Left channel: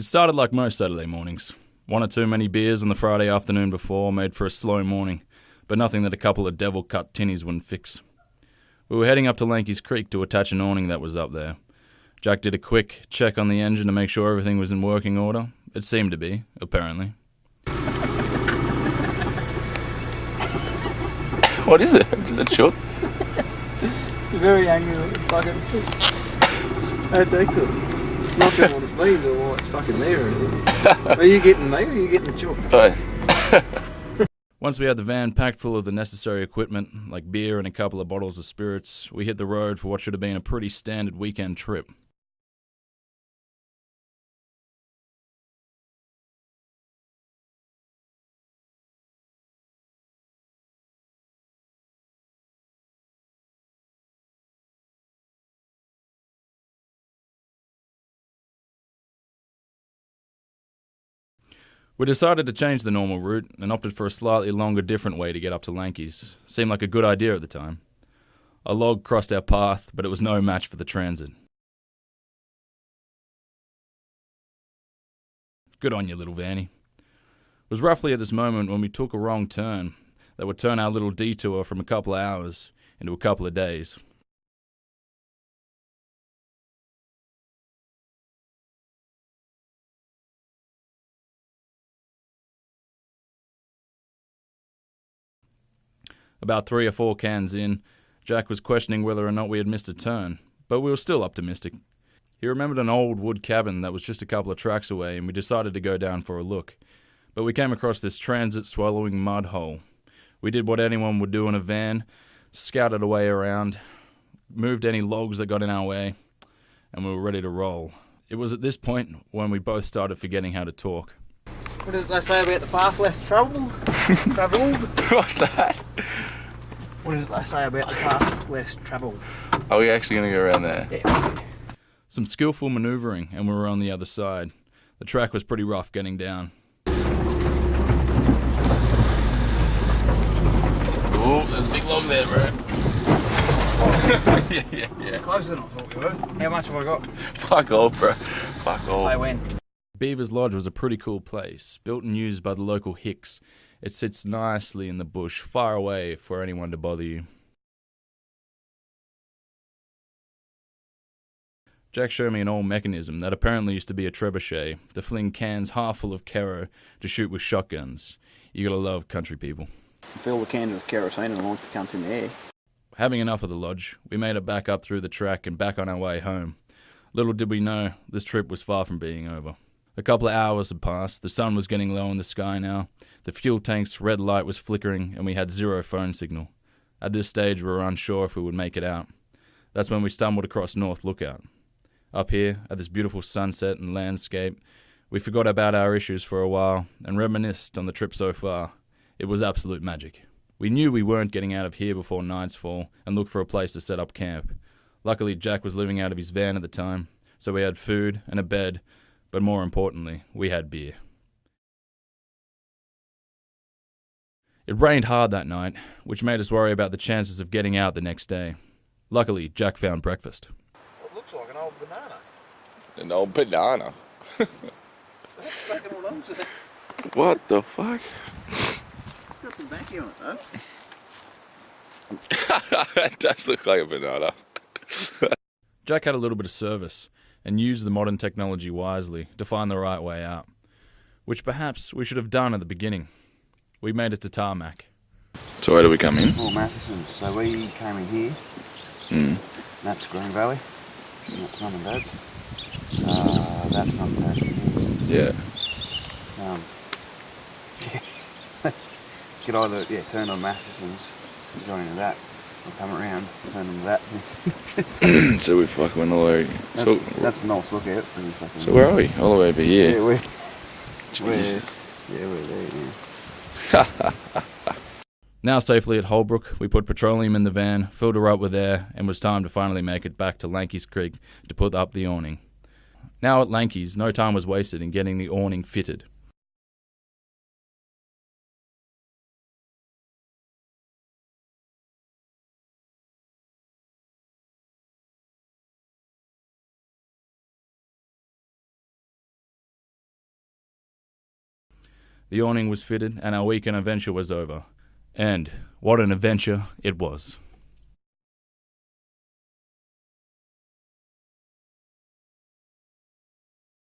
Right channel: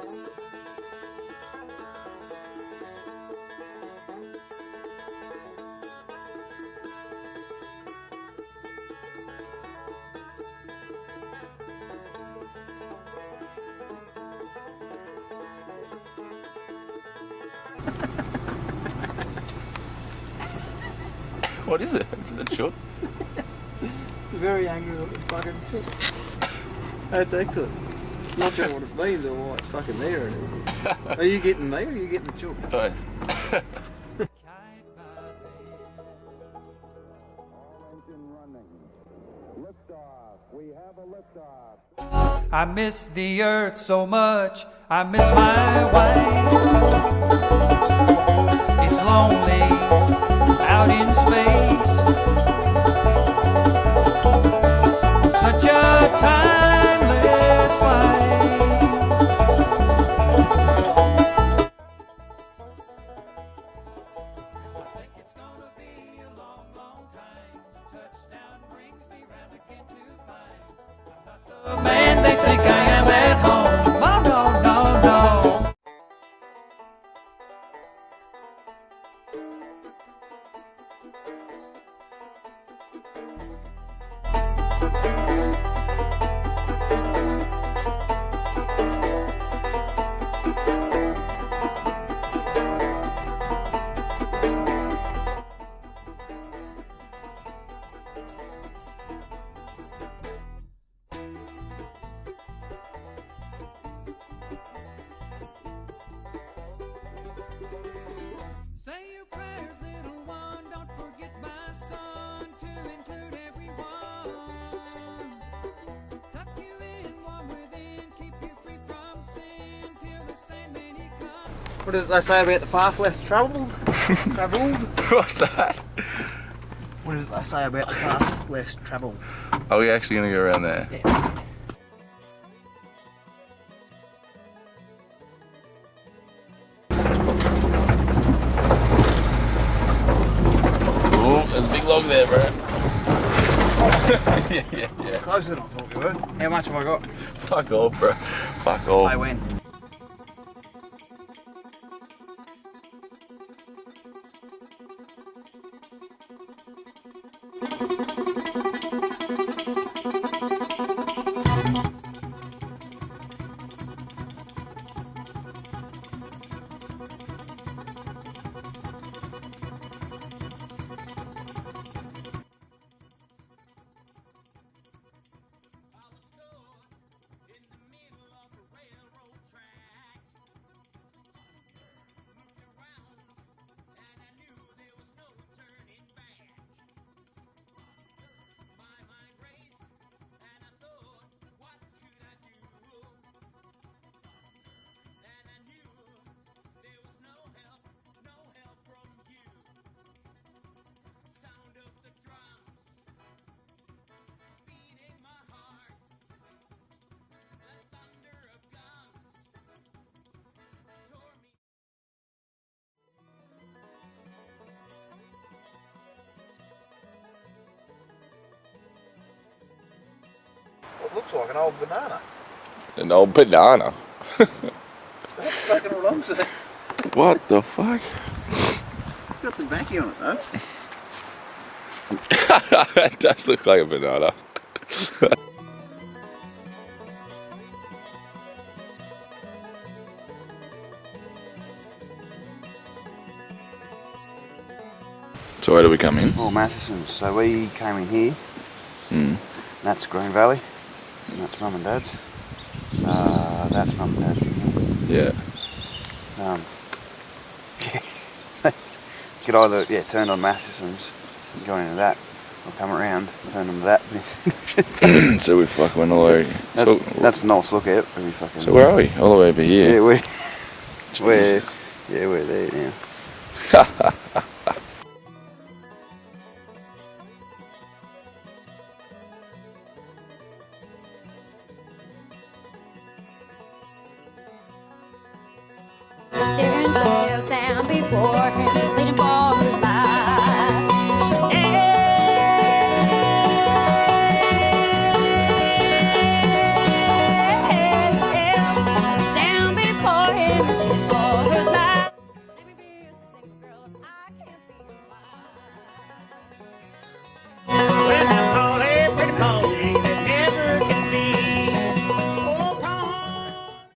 It started like most Saturday mornings. One or two many beers on the Friday afternoon before made for a slow morning, but nothing that a couple of devil-cut tinnies wouldn't fix. We were heading up to Lanky's Creek to attach an awning that was up there. Jack did a quick check on the engine to make sure everything was in working order. It seemed to be, apparently. What is it? Is it short? Very angry fucking. That's excellent. Not sure what it means or why it's fucking there or anything. Are you getting me or are you getting the chook? Both. Once we had the van packed full of the necessary equipment, like beer and a couple of bottles of spirits, we hit the road for what should have been a pretty standard weekend trip. I miss the earth so much, I miss my wife. It's lonely out in space. Such a timeless flight. We decided to change the normal route and opted for a slightly longer, different way to get up to Lanky's. Seemed like a good idea at the time. A log crossed our path, but it was no match for the transit. Man, they think I am at home. Oh, no. Good on you, little Vanny. It was roughly at this moment when we took a wrong turn that would turn our little detour from a couple of hours into a couple of days. About 3 or 4 cans in, Jack was questioning whether or not we had missed a turn, but we were still optimistic. He remembered an old wood cabin that was just a couple of tracks away, and we decided to go down for a look. But we came across this transit-swallowing mud hole. We did what anyone would do in a van, scouted a way around, moved any logs that got in our way, and we were ready to roll. It was at this point when we both started forgetting how to talk. What does they say about the path less travelled? What's that? What does they say about the path less travelled? Are we actually going to go around there? Yeah. Some skillful manoeuvring, and we were on the other side. The track was pretty rough getting down. Oh, there's a big log there, bro. yeah. Closer than I thought we were. How much have I got? Fuck off, bro. Fuck off. Say when. Beaver's Lodge was a pretty cool place, built and used by the local Hicks. It sits nicely in the bush, far away for anyone to bother you. Jack showed me an old mechanism that apparently used to be a trebuchet to fling cans half full of Kero to shoot with shotguns. You gotta love country people. Fill the can with kerosene and launch the cunts in the air. Having enough of the lodge, we made it back up through the track and back on our way home. Little did we know, this trip was far from being over. A couple of hours had passed, the sun was getting low in the sky now, the fuel tank's red light was flickering, and we had 0 phone signal. At this stage, we were unsure if we would make it out. That's when we stumbled across North Lookout. Up here, at this beautiful sunset and landscape, we forgot about our issues for a while and reminisced on the trip so far. It was absolute magic. We knew we weren't getting out of here before nightfall and looked for a place to set up camp. Luckily, Jack was living out of his van at the time, so we had food and a bed, but more importantly, we had beer. It rained hard that night, which made us worry about the chances of getting out the next day. Luckily, Jack found breakfast. It looks like an old banana. An old banana. That's fucking what I'm saying. What the fuck? It's got some backy on it though. It does look like a banana. Jack had a little bit of service and used the modern technology wisely to find the right way out, which perhaps we should have done at the beginning. We made it to tarmac. So where do we come in? Oh, Matheson's. So we came in here. That's Green Valley. And that's Mum and Dad's. That's Mum and Dad's in here. Yeah. Could either turn on Matheson's, go into that, or come around, turn on that. So we fucking went all the way. That's a nice lookout. So where are we? All the way over here. Yeah, we're there now. Now safely at Holbrook, we put petroleum in the van, filled her up with air, and it was time to finally make it back to Lanky's Creek to put up the awning. Now at Lanky's, no time was wasted in getting the awning fitted. There in Town before him, pleading for his life. Down before The awning was fitted, and our weekend adventure was over. And what an adventure it was. Well, now, Paul, hey, pretty Paul,